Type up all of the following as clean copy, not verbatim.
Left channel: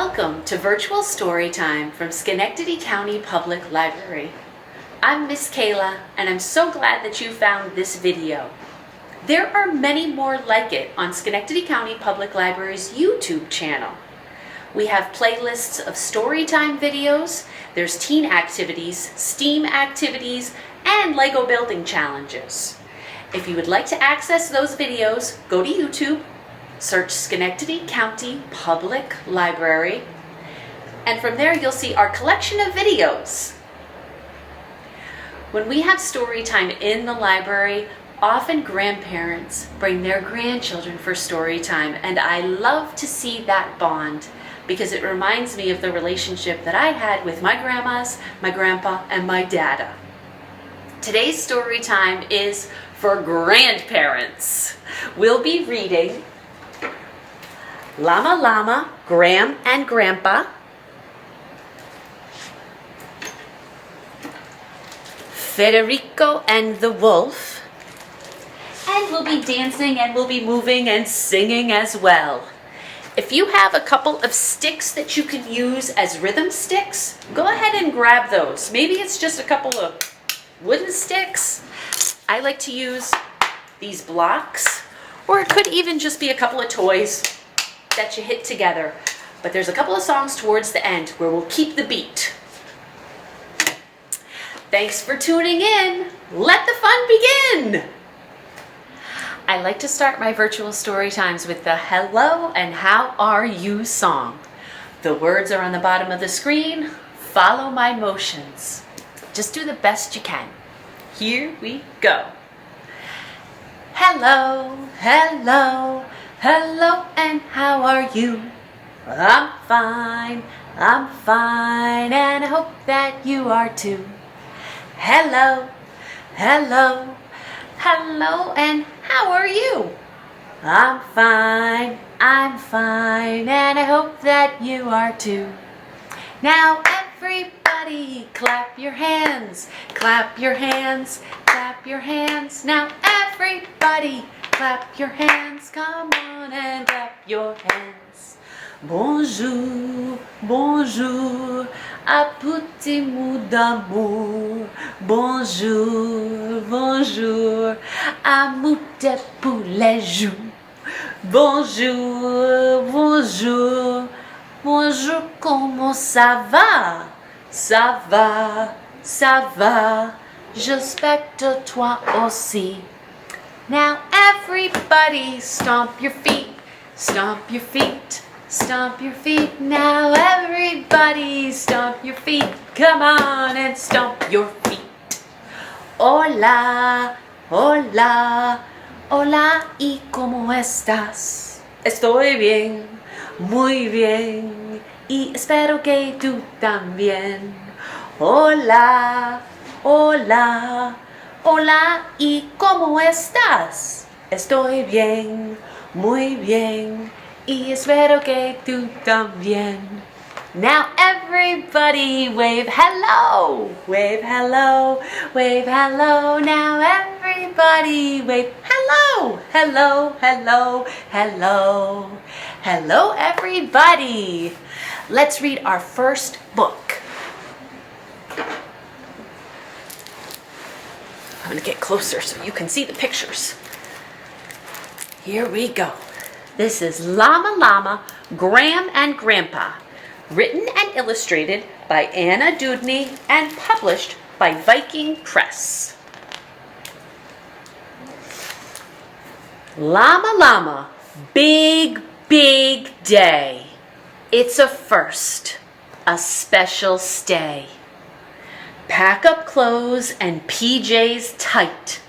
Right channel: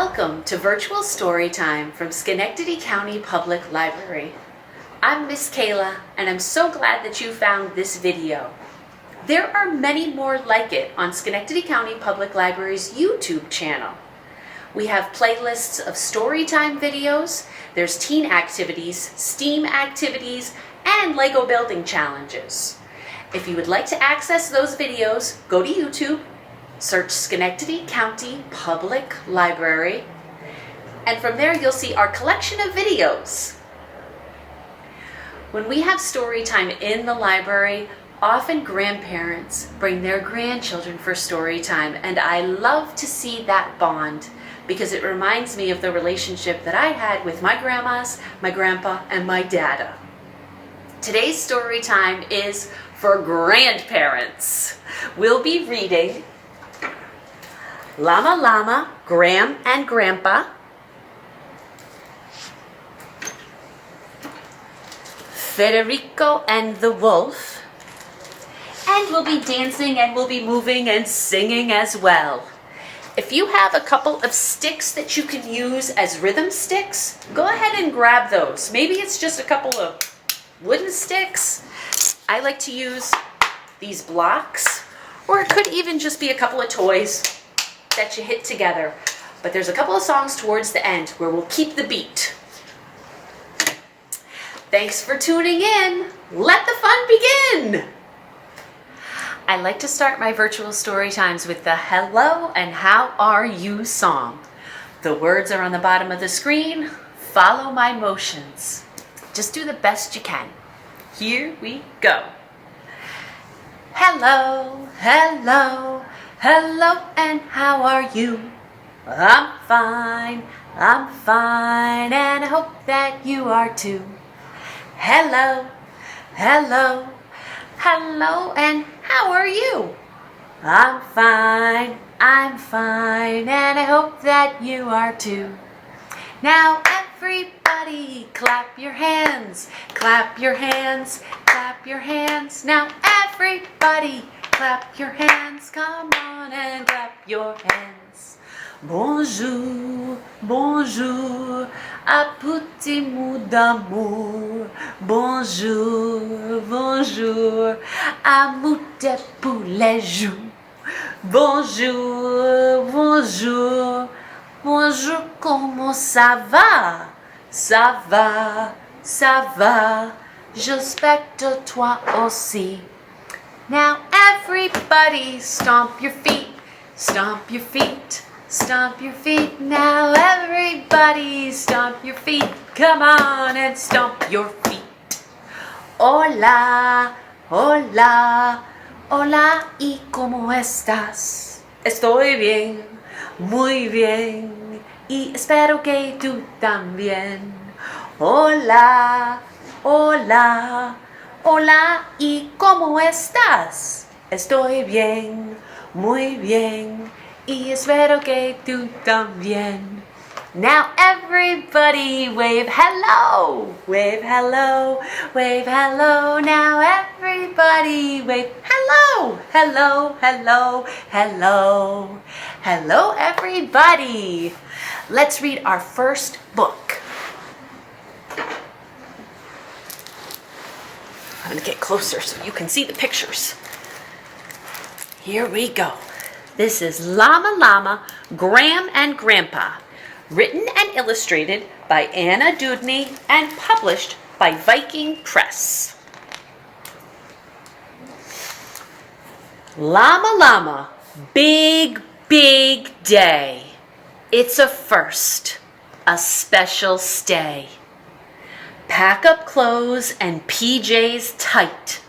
Welcome to Virtual Storytime from Schenectady County Public Library. I'm Miss Kaela, and I'm so glad that you found this video. There are many more like it on Schenectady County Public Library's YouTube channel. We have playlists of storytime videos, there's teen activities, STEAM activities, and Lego building challenges. If you would like to access those videos, go to YouTube, search Schenectady County Public Library, and from there you'll see our collection of videos. When we have story time in the library, often grandparents bring their grandchildren for story time, and I love to see that bond because it reminds me of the relationship that I had with my grandmas, my grandpa, and my dada. Today's story time is for grandparents. We'll be reading Llama, Llama, Gram and Grandpa, Federico and the Wolf, and we'll be dancing and we'll be moving and singing as well. If you have a couple of sticks that you can use as rhythm sticks, go ahead and grab those. Maybe it's just a couple of wooden sticks. I like to use these blocks, or it could even just be a couple of toys that you hit together. But there's a couple of songs towards the end where we'll keep the beat. Thanks for tuning in. Let the fun begin. I like to start my virtual story times with the hello and how are you song. The words are on the bottom of the screen. Follow my motions. Just do the best you can. Here we go. Hello, hello, hello, and how are you? I'm fine, and I hope that you are too. Hello, hello, hello, and how are you? I'm fine, and I hope that you are too. Now everybody clap your hands, clap your hands, clap your hands. Now everybody clap your hands, come on and clap your hands. Bonjour, bonjour, à petit mot d'amour. Bonjour, bonjour, à moute pour les joues. Bonjour, bonjour, bonjour, comment ça va? Ça va, ça va, j'espère que toi aussi. Now everybody stomp your feet, stomp your feet, stomp your feet. Now everybody stomp your feet. Come on and stomp your feet. Hola, hola, hola, ¿y cómo estás? Estoy bien, muy bien, y espero que tú también. Hola, hola, hola, ¿y cómo estás? Estoy bien, muy bien, y espero que tú también. Now everybody wave hello, wave hello, wave hello. Now everybody wave hello, hello, hello, hello. Hello everybody. Let's read our first book. I'm going to get closer so you can see the pictures. Here we go. This is Llama, Llama, Gram and Grandpa, written and illustrated by Anna Dudney and published by Viking Press. Llama, Llama, big, big day. It's a first, a special stay. Pack up clothes and PJs tight.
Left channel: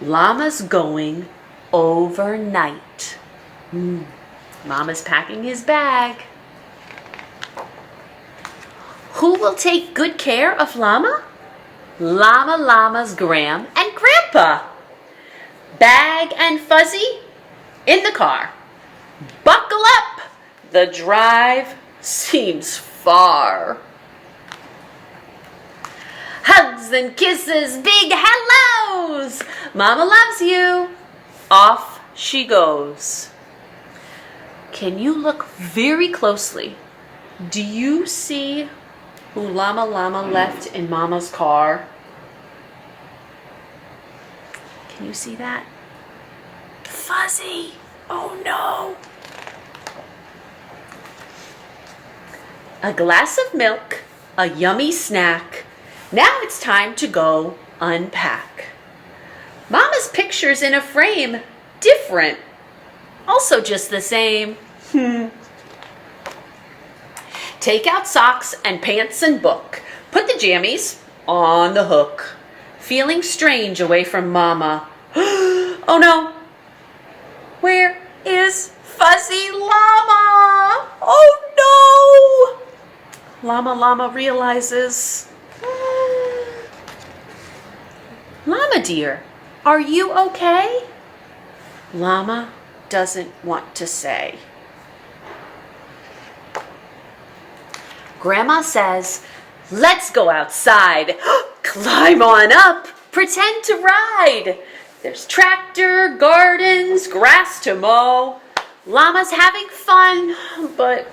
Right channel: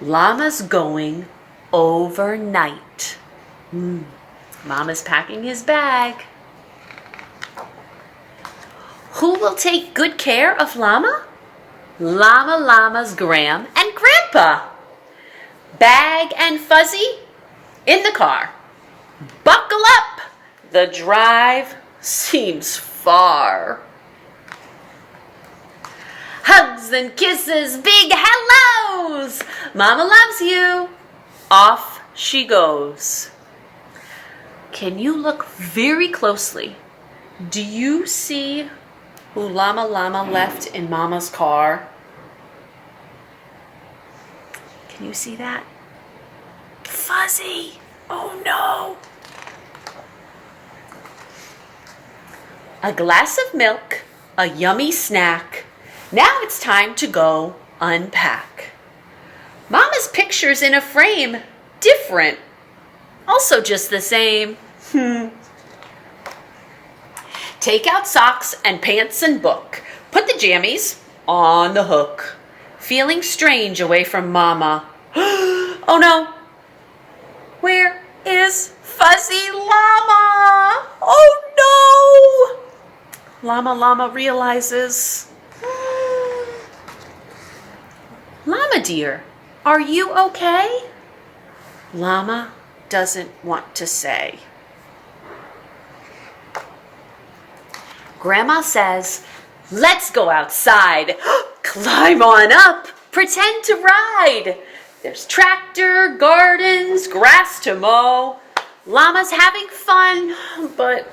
Llama's going overnight. Mama's packing his bag. Who will take good care of Llama? Llama, Llama's Gram and Grandpa. Bag and Fuzzy in the car. Buckle up. The drive seems far. Hugs and kisses, big hellos. Mama loves you. Off she goes. Can you look very closely Do you see who Llama left in Mama's car? Can you see that? Fuzzy! Oh no! A glass of milk, a yummy snack. Now it's time to go unpack. Mama's picture's in a frame, different, also just the same. Take out socks and pants and book. Put the jammies on the hook. Feeling strange away from Mama. Oh no! Where is Fuzzy Llama? Oh no! Llama realizes. Llama dear, are you okay? Llama doesn't want to say. Grandma says, let's go outside. Climb on up. Pretend to ride. There's tractor, gardens, grass to mow. Llama's having fun, but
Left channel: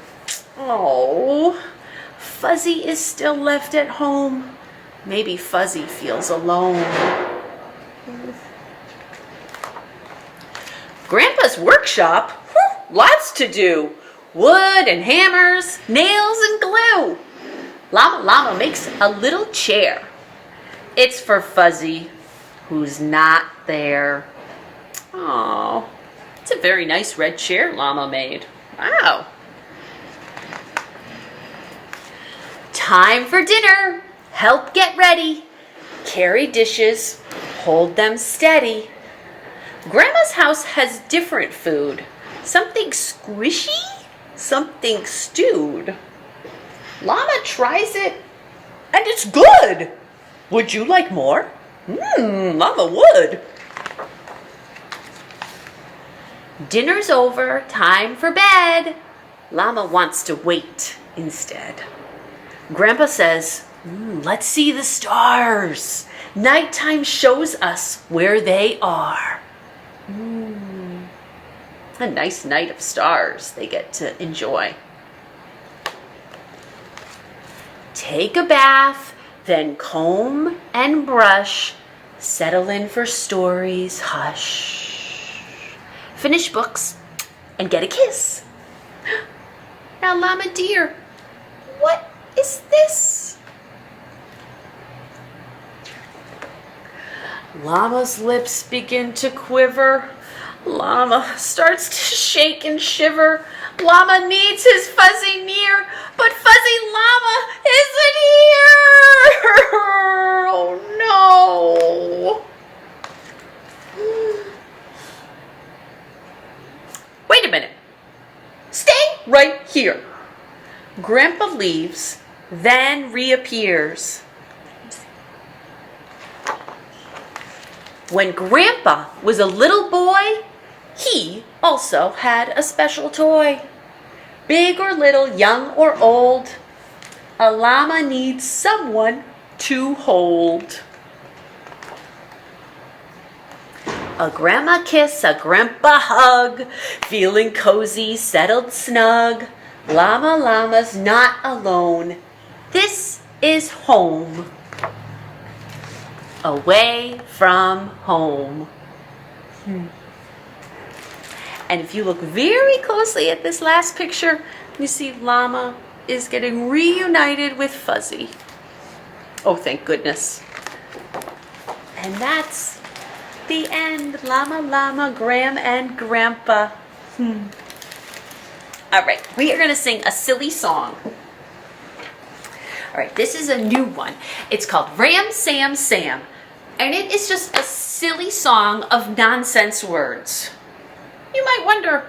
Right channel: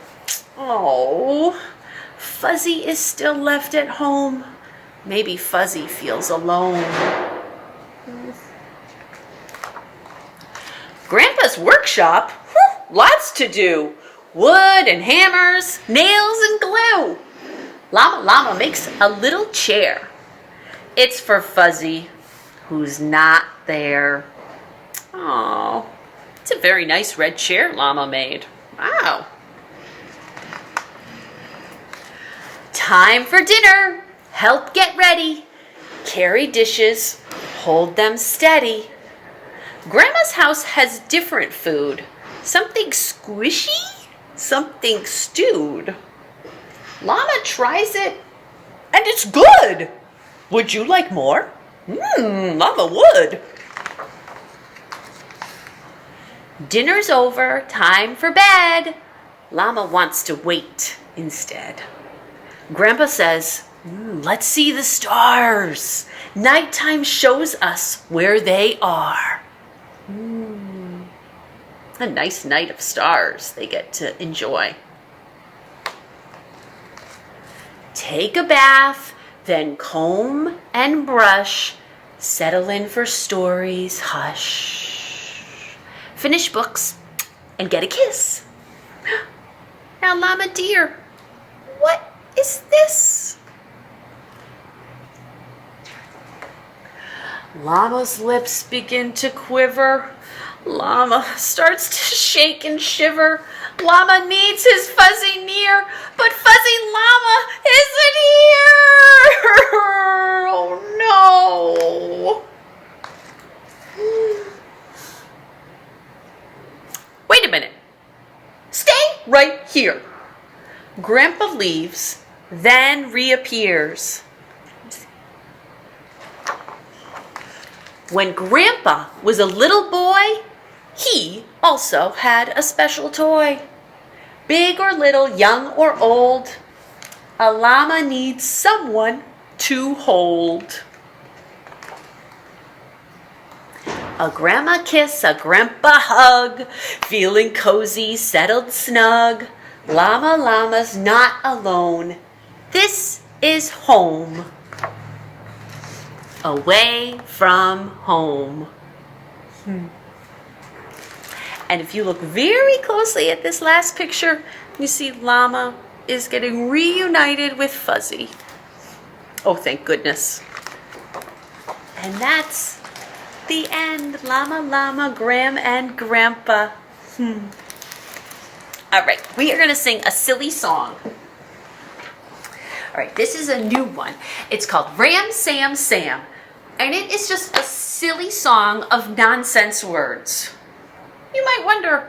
oh, Fuzzy is still left at home. Maybe Fuzzy feels alone. Grandpa's workshop, lots to do. Wood and hammers, nails and glue. Llama makes a little chair. It's for Fuzzy, who's not there. Oh, it's a very nice red chair Llama made. Wow. Time for dinner. Help get ready. Carry dishes. Hold them steady. Grandma's house has different food. Something squishy, something stewed. Llama tries it, and it's good. Would you like more? Llama would. Dinner's over, time for bed. Llama wants to wait instead. Grandpa says, let's see the stars. Nighttime shows us where they are. A nice night of stars they get to enjoy. Take a bath, then comb and brush. Settle in for stories, hush. Finish books and get a kiss. Now, Llama dear, what is this? Llama's lips begin to quiver. Llama starts to shake and shiver. Llama needs his Fuzzy near, but Fuzzy Llama isn't here! Oh no! Wait a minute. Stay right here. Grandpa leaves, then reappears. When Grandpa was a little boy, he also had a special toy. Big or little, young or old, a llama needs someone to hold. A grandma kiss, a grandpa hug, feeling cozy, settled snug. Llama's not alone. This is home. Away from home. And if you look very closely at this last picture, you see Llama is getting reunited with Fuzzy. Oh, thank goodness. And that's the end. Llama, Gram, and Grandpa. All right, we are going to sing a silly song. All right, this is a new one. It's called Ram, Sam, Sam. And it is just a silly song of nonsense words. You might wonder,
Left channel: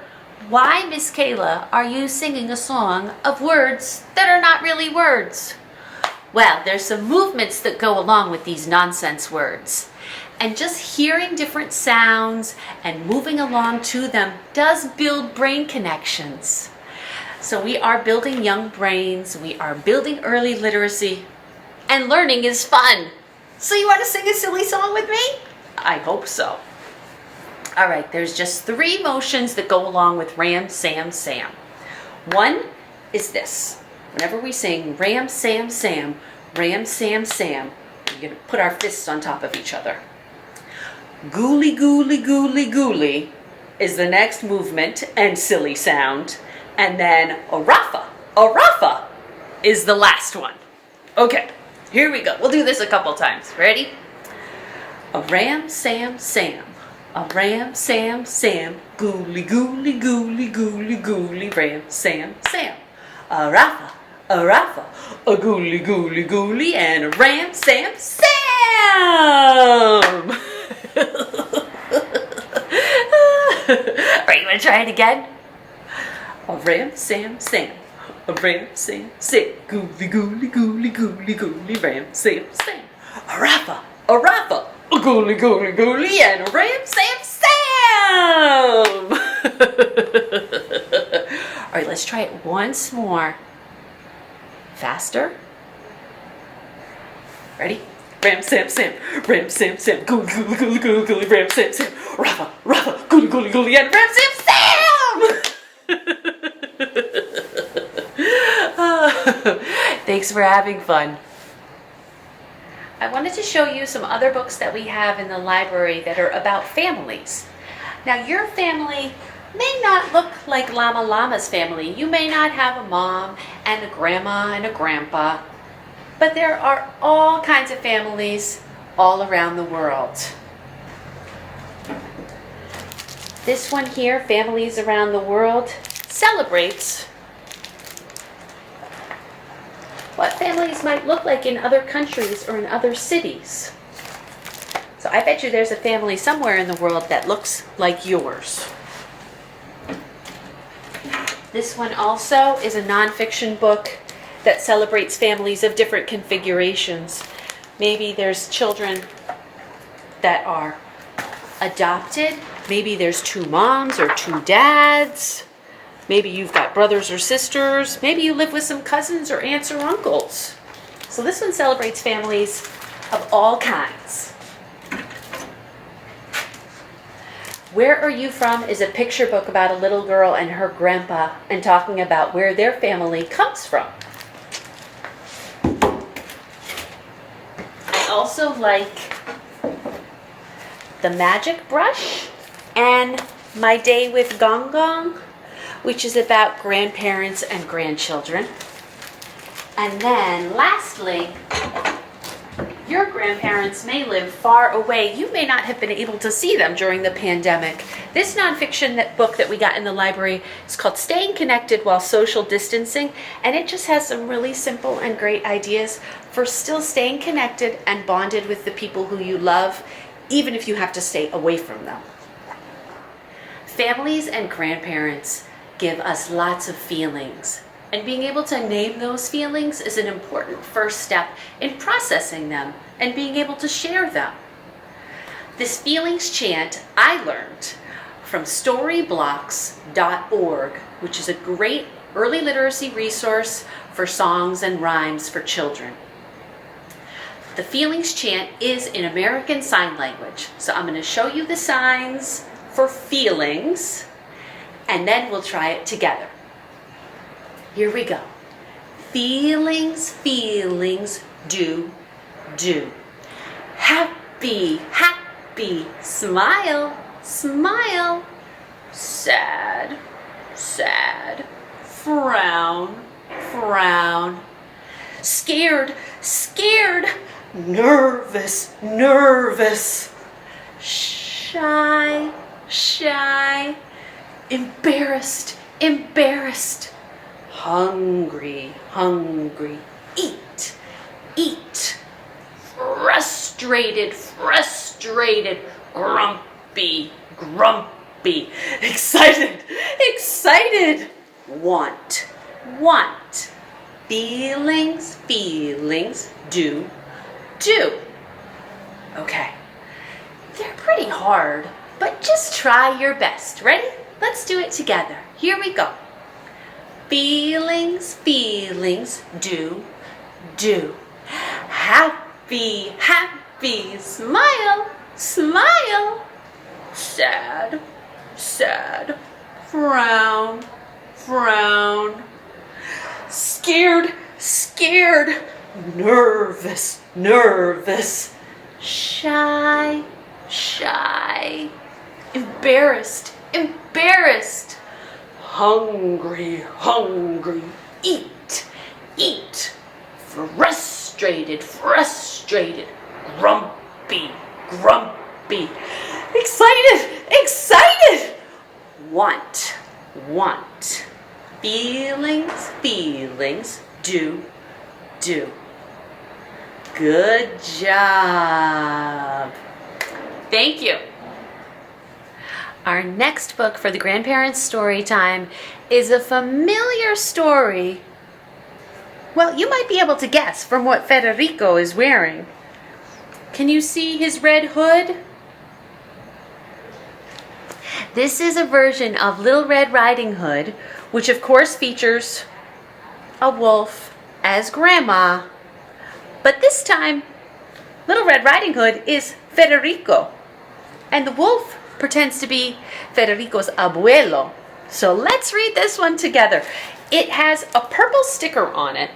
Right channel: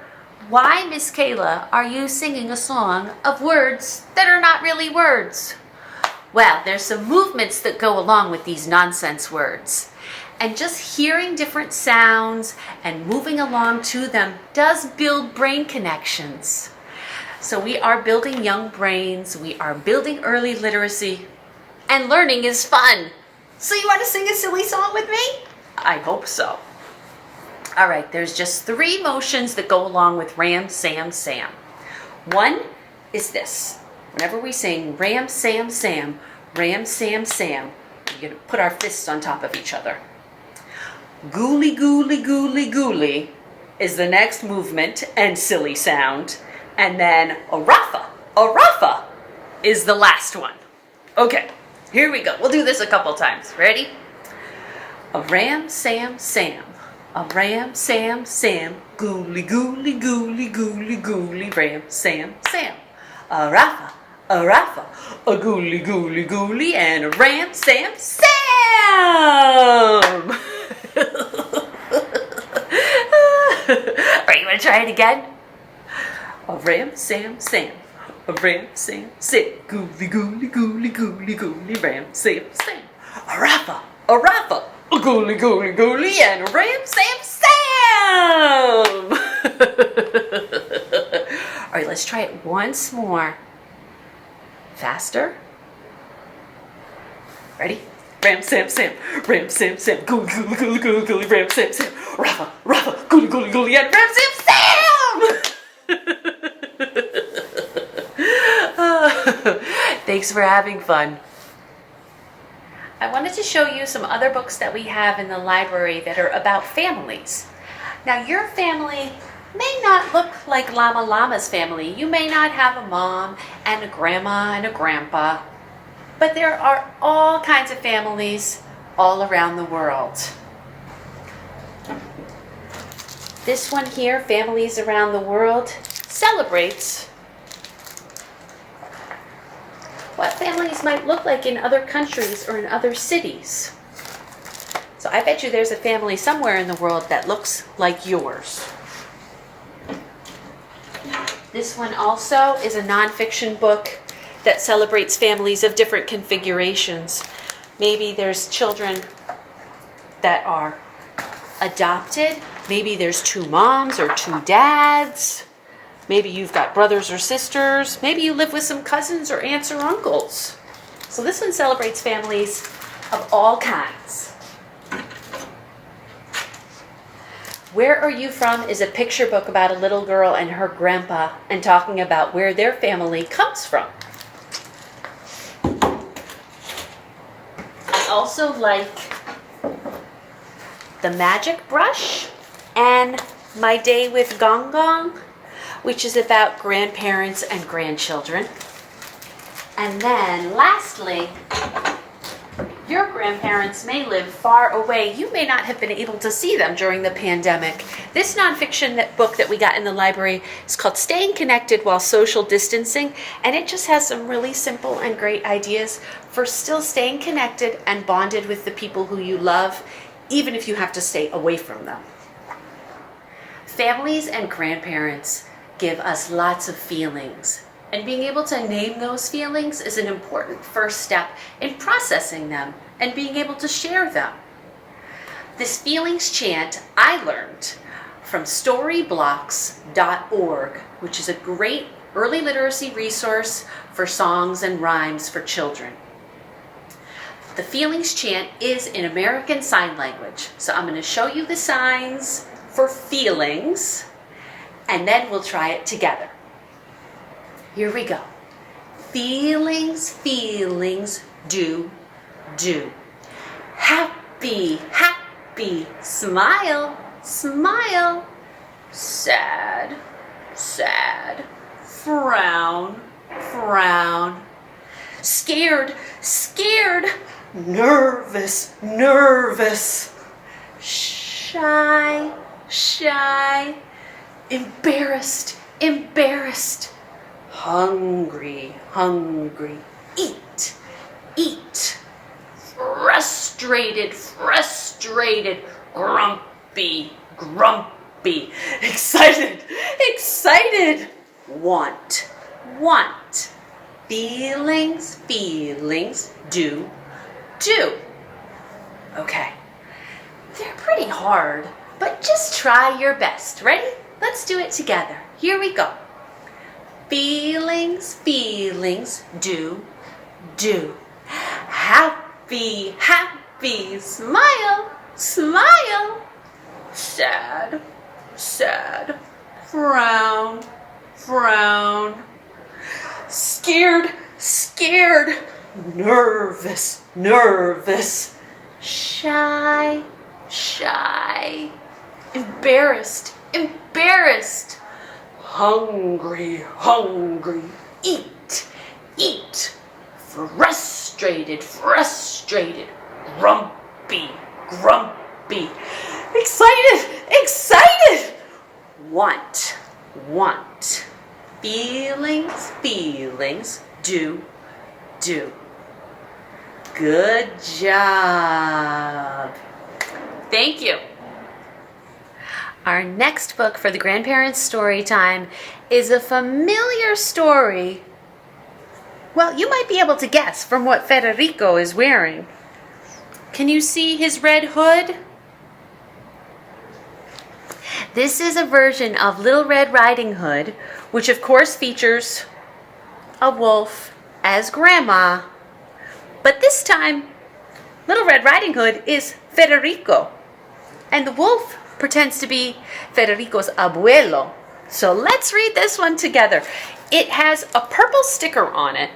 why, Miss Kaela, are you singing a song of words that are not really words? Well, there's some movements that go along with these nonsense words. And just hearing different sounds and moving along to them does build brain connections. So we are building young brains, we are building early literacy, and learning is fun. So you want to sing a silly song with me? I hope so. All right, there's just 3 motions that go along with Ram, Sam, Sam. One is this. Whenever we sing Ram, Sam, Sam, Ram, Sam, Sam, we're going to put our fists on top of each other. Gooly, gooly, gooly, gooly is the next movement and silly sound. And then Arafa is the last one. Okay, here we go. We'll do this a couple times. Ready? A ram, Sam, Sam. A ram, Sam, Sam. Gooly, gooly, gooly, gooly, gooly, ram, Sam, Sam. Arafa, a gooly, gooly, gooly, and a ram, Sam, Sam. Are you going to try it again? A ram, Sam, Sam. A ram, Sam, Sam. Gooly, gooly, gooly, gooly, gooly, ram, Sam, Sam. Arafa, a gooly, gooly, gooly, and a ram, Sam, Sam. All right, let's try it once more. Faster. Ready? Ram, Sam, Sam. Ram, Sam, Sam. Gooly, gooly, gooly, gooly, gooly, ram, Sam, Sam. Rafa, gooly, gooly, gooly, and ram, Sam, Sam. Thanks for having fun. I wanted to show you some other books that we have in the library that are about families. Now, your family may not look like Llama's family. You may not have a mom and a grandma and a grandpa, but there are all kinds of families all around the world. This one here, Families Around the World, celebrates what families might look like in other countries or in other cities. So I bet you there's a family somewhere in the world that looks like yours. This one also is a nonfiction book that celebrates families of different configurations. Maybe there's children that are adopted. Maybe there's 2 moms or 2 dads. Maybe you've got brothers or sisters. Maybe you live with some cousins or aunts or uncles. So this one celebrates families of all kinds. Where Are You From is a picture book about a little girl and her grandpa and talking about where their family comes from. I also like The Magic Brush and My Day with Gong Gong, which is about grandparents and grandchildren. And then lastly, your grandparents may live far away. You may not have been able to see them during the pandemic. This nonfiction book that we got in the library is called Staying Connected While Social Distancing, and it just has some really simple and great ideas for still staying connected and bonded with the people who you love, even if you have to stay away from them. Families and grandparents give us lots of feelings. And being able to name those feelings is an important first step in processing them and being able to share them. This feelings chant I learned from storyblocks.org, which is a great early literacy resource for songs and rhymes for children. The feelings chant is in American Sign Language. So I'm going to show you the signs for feelings, and then we'll try it together. Here we go. Feelings, feelings, do. Happy, happy, smile, smile. Sad, sad, frown, frown. Scared, scared, nervous, nervous. Shy, shy, embarrassed, embarrassed. Hungry, hungry, eat, eat. Frustrated, frustrated, grumpy, grumpy. Excited, excited. Want, want. Feelings, feelings, do. Okay. They're pretty hard, but just try your best. Ready? Let's do it together. Here we go. Feelings, feelings, do. Happy, happy, smile, smile. Sad, sad, frown, frown. Scared, scared, nervous, nervous, shy, shy, embarrassed, embarrassed, hungry, hungry, eat, eat, frustrated, frustrated, grumpy, grumpy, excited, excited, want, want, feelings, feelings, do, do. Good job. Thank you. Our next book for the Grandparents' Story Time is a familiar story. Well, you might be able to guess from what Federico is wearing. Can you see his red hood? This is a version of Little Red Riding Hood, which of course features a wolf as Grandma. But this time, Little Red Riding Hood is Federico, and the wolf pretends to be Federico's abuelo. So let's read this one together. It has a purple sticker on it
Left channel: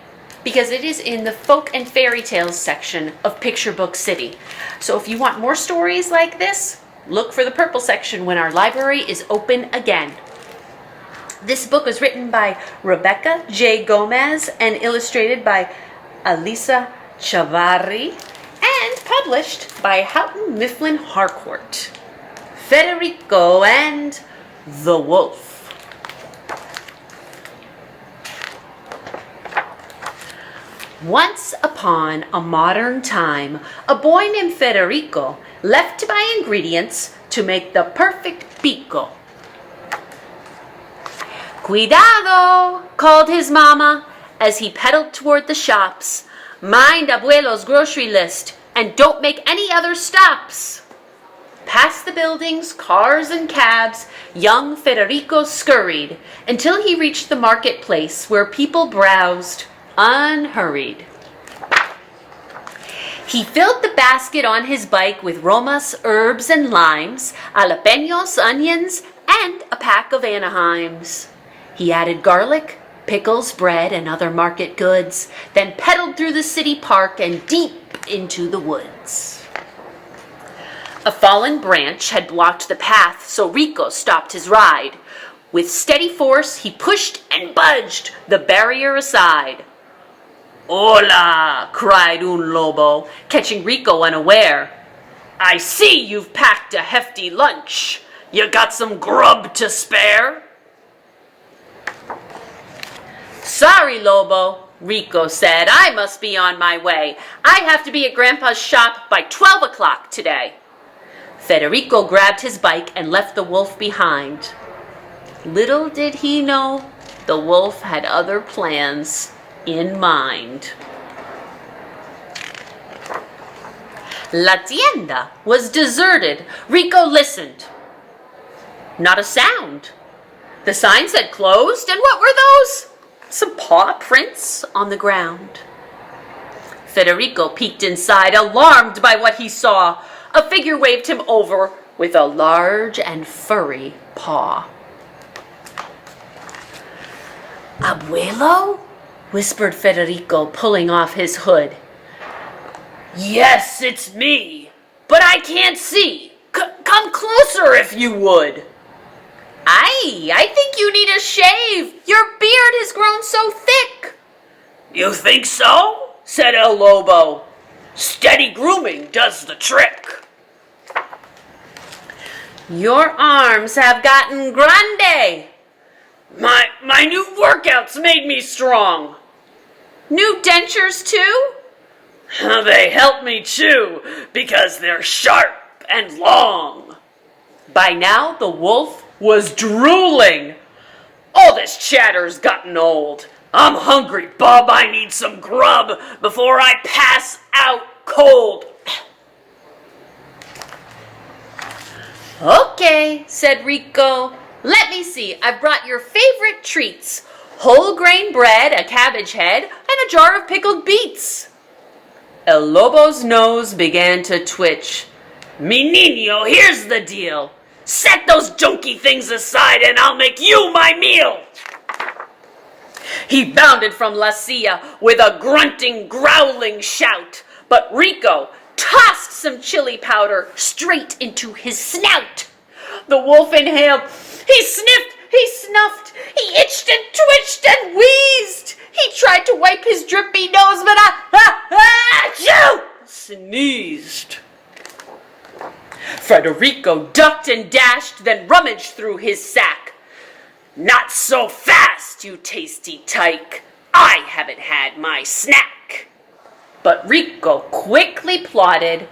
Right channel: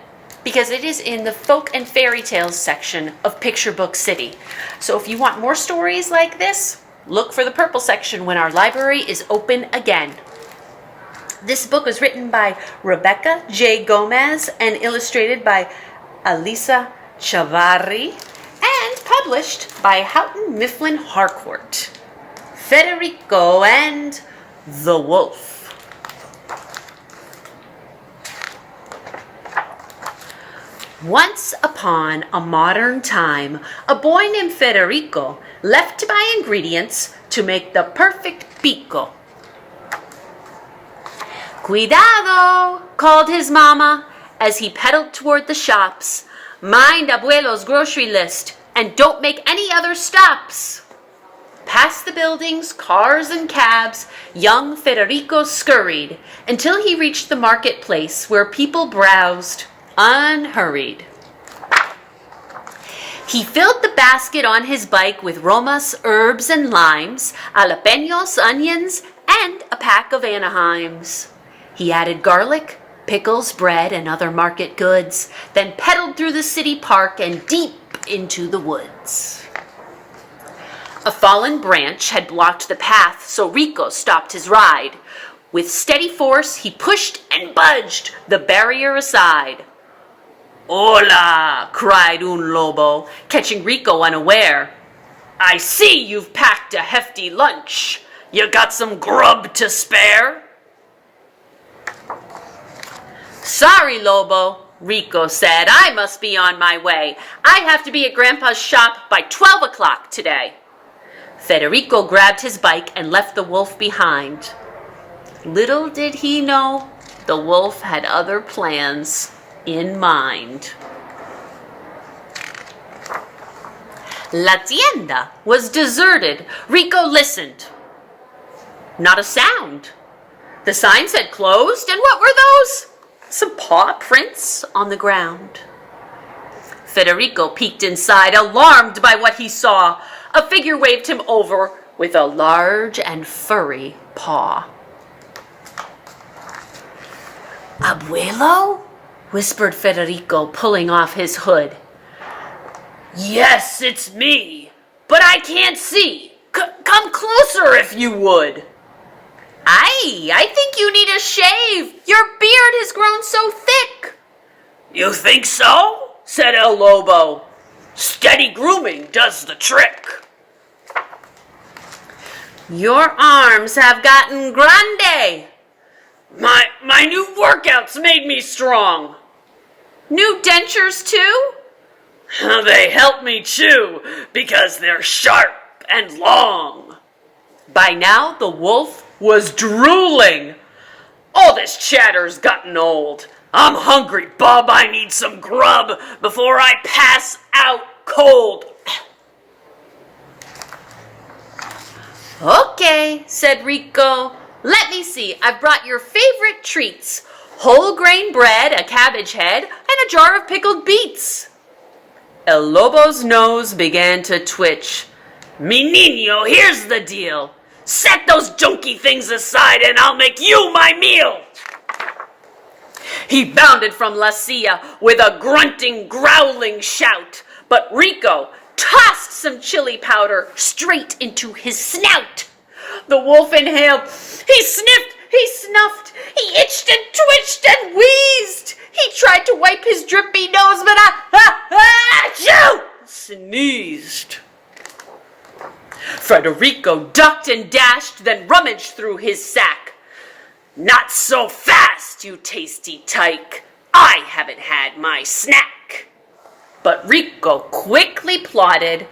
because it is in the folk and fairy tales section of Picture Book City. So if you want more stories like this, look for the purple section when our library is open again. This book was written by Rebecca J. Gomez and illustrated by Alisa Chavarri and published by Houghton Mifflin Harcourt. Federico and the Wolf. Once upon a modern time, a boy named Federico left to buy ingredients to make the perfect pico. Cuidado, called his mama as he pedaled toward the shops. Mind Abuelo's grocery list and don't make any other stops. Past the buildings, cars, and cabs, young Federico scurried until he reached the marketplace where people browsed, unhurried. He filled the basket on his bike with romas, herbs, and limes, jalapenos, onions, and a pack of Anaheims. He added garlic, pickles, bread, and other market goods, then pedaled through the city park and deep into the woods. A fallen branch had blocked the path, so Rico stopped his ride. With steady force, he pushed and budged the barrier aside. Hola, cried un lobo, catching Rico unaware. I see you've packed a hefty lunch. You got some grub to spare? Sorry, Lobo, Rico said. I must be on my way. I have to be at Grandpa's shop by 12 o'clock today. Federico grabbed his bike and left the wolf behind. Little did he know, the wolf had other plans in mind. La tienda was deserted. Rico listened. Not a sound. The sign said closed, and what were those? Some paw prints on the ground. Federico peeked inside, alarmed by what he saw. A figure waved him over with a large and furry paw. Abuelo? Whispered Federico, pulling off his hood. Yes, it's me, but I can't see. Come closer if you would. I think you need a shave. Your beard has grown so thick. You think so? Said El Lobo. Steady grooming does the trick. Your arms have gotten grande. My new workouts made me strong. New dentures too? They help me chew because they're sharp and long. By now the wolf was drooling. All this chatter's gotten old. I'm hungry, bub. I need some grub before I pass out cold. Okay, said Rico. Let me see. I've brought your favorite treats. Whole grain bread, a cabbage head, and a jar of pickled beets. El Lobo's nose began to twitch. Mi niño, here's the deal. Set those junky things aside and I'll make you my meal. He bounded from La Silla with a grunting, growling shout, but Rico tossed some chili powder straight into his snout. The wolf inhaled. He sniffed, he snuffed, he itched and twitched and wheezed. He tried to wipe his drippy nose, but sneezed. Federico ducked and dashed, then rummaged through his sack. Not so fast, you tasty tyke. I haven't had my snack. But Rico quickly plotted.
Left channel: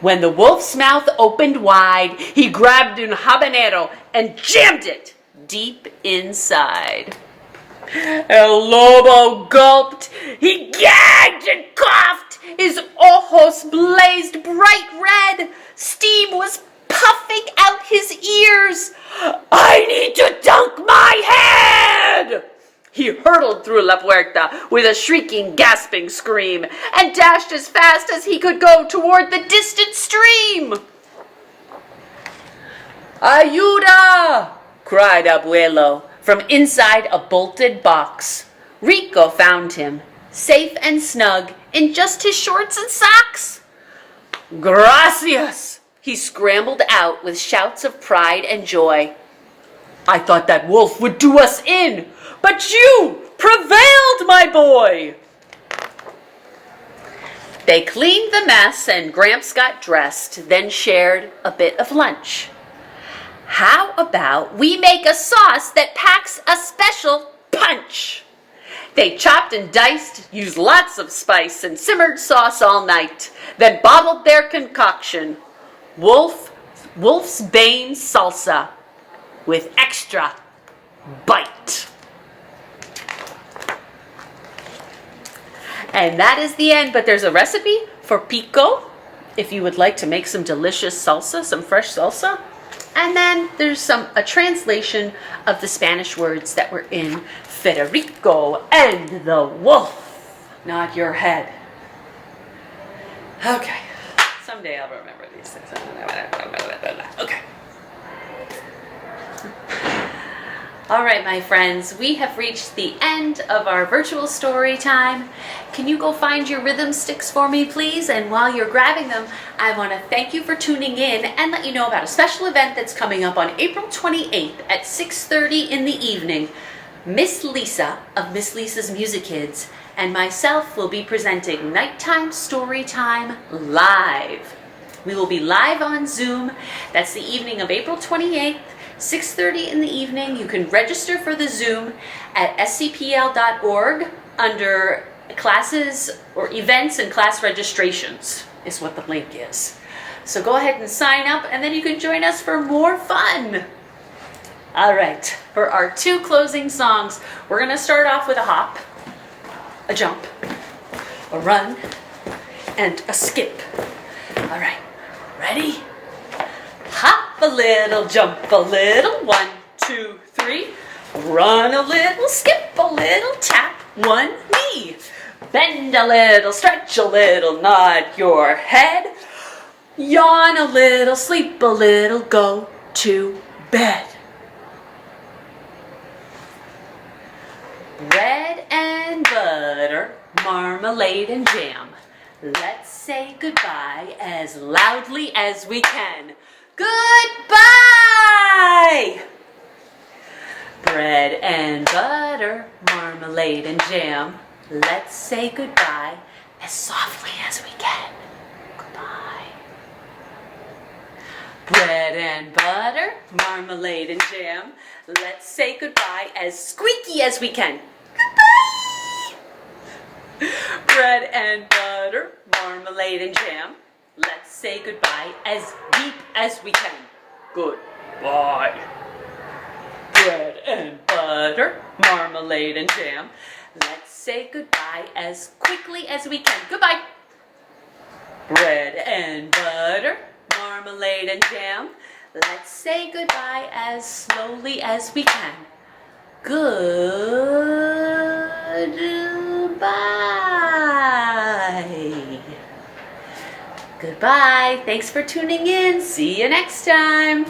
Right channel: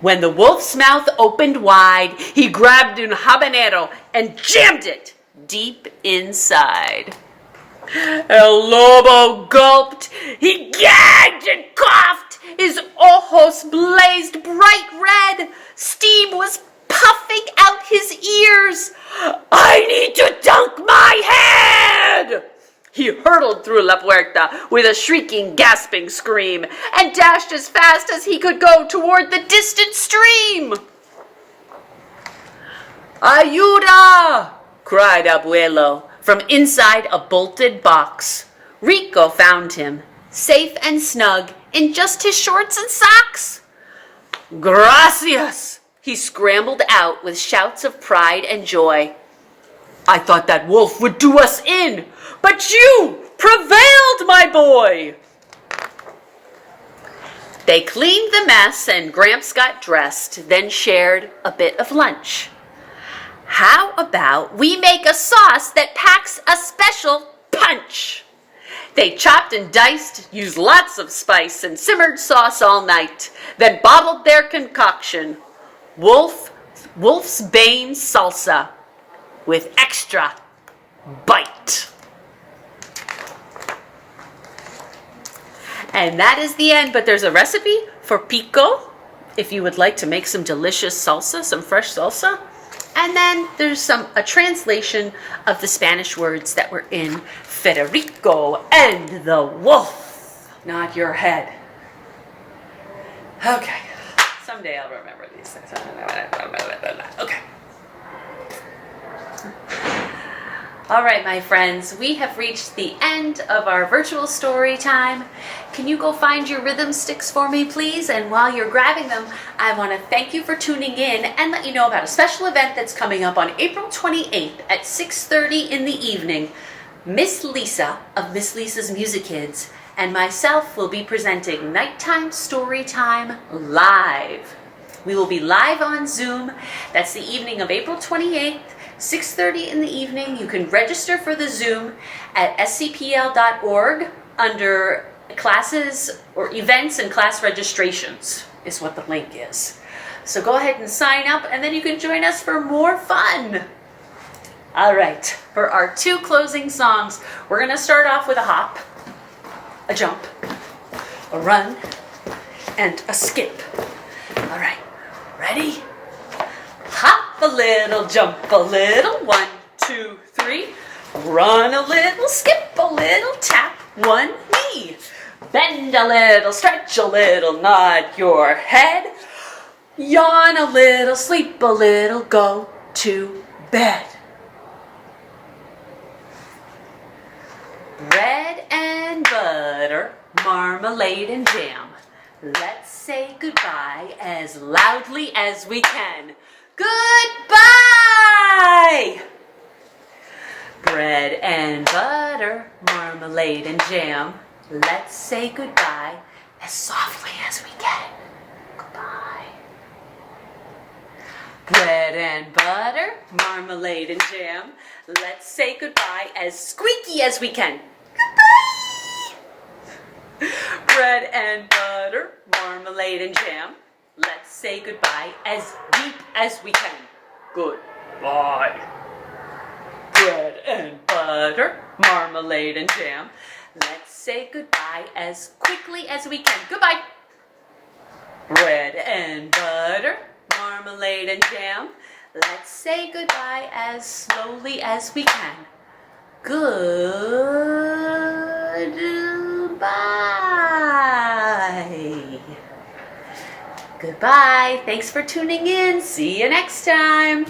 When the wolf's mouth opened wide, he grabbed un habanero and jammed it deep inside. El Lobo gulped. He gagged and coughed. His ojos blazed bright red. Steam was puffing out his ears. I need to dunk my head! He hurtled through La Puerta with a shrieking, gasping scream and dashed as fast as he could go toward the distant stream. Ayuda! Cried Abuelo from inside a bolted box. Rico found him, safe and snug, in just his shorts and socks. Gracias! He scrambled out with shouts of pride and joy. I thought that wolf would do us in, but you prevailed, my boy! They cleaned the mess and Gramps got dressed, then shared a bit of lunch. How about we make a sauce that packs a special punch? They chopped and diced, used lots of spice, and simmered sauce all night, then bottled their concoction, Wolf's Bane Salsa, with extra bite. And that is the end, but there's a recipe for pico, if you would like to make some delicious salsa, some fresh salsa. And then there's a translation of the Spanish words that were in Federico and the Wolf. Not your head. Okay. Someday I'll remember these things. Okay. All right, my friends, we have reached the end of our virtual story time. Can you go find your rhythm sticks for me, please? And while you're grabbing them, I want to thank you for tuning in and let you know about a special event that's coming up on April 28th at 6:30 in the evening. Miss Lisa of Miss Lisa's Music Kids and myself will be presenting Nighttime Story Time live. We will be live on Zoom. That's the evening of April 28th. 6:30 in the evening. You can register for the Zoom at scpl.org under classes or events and class registrations is what the link is. So go ahead and sign up and then you can join us for more fun. All right, for our two closing songs, we're going to start off with a hop, a jump, a run, and a skip. All right, ready? Hop a little, jump a little, 1, 2, 3. Run a little, skip a little, tap one knee. Bend a little, stretch a little, nod your head. Yawn a little, sleep a little, go to bed. Bread and butter, marmalade and jam. Let's say goodbye as loudly as we can. Goodbye! Bread and butter, marmalade and jam. Let's say goodbye as softly as we can. Goodbye. Bread and butter, marmalade and jam. Let's say goodbye as squeaky as we can. Goodbye! Bread and butter, marmalade and jam. Let's say goodbye as deep as we can. Goodbye. Bread and butter, marmalade and jam. Let's say goodbye as quickly as we can. Goodbye. Bread and butter, marmalade and jam. Let's say goodbye as slowly as we can. Goodbye. Goodbye. Thanks for tuning in. See you next time.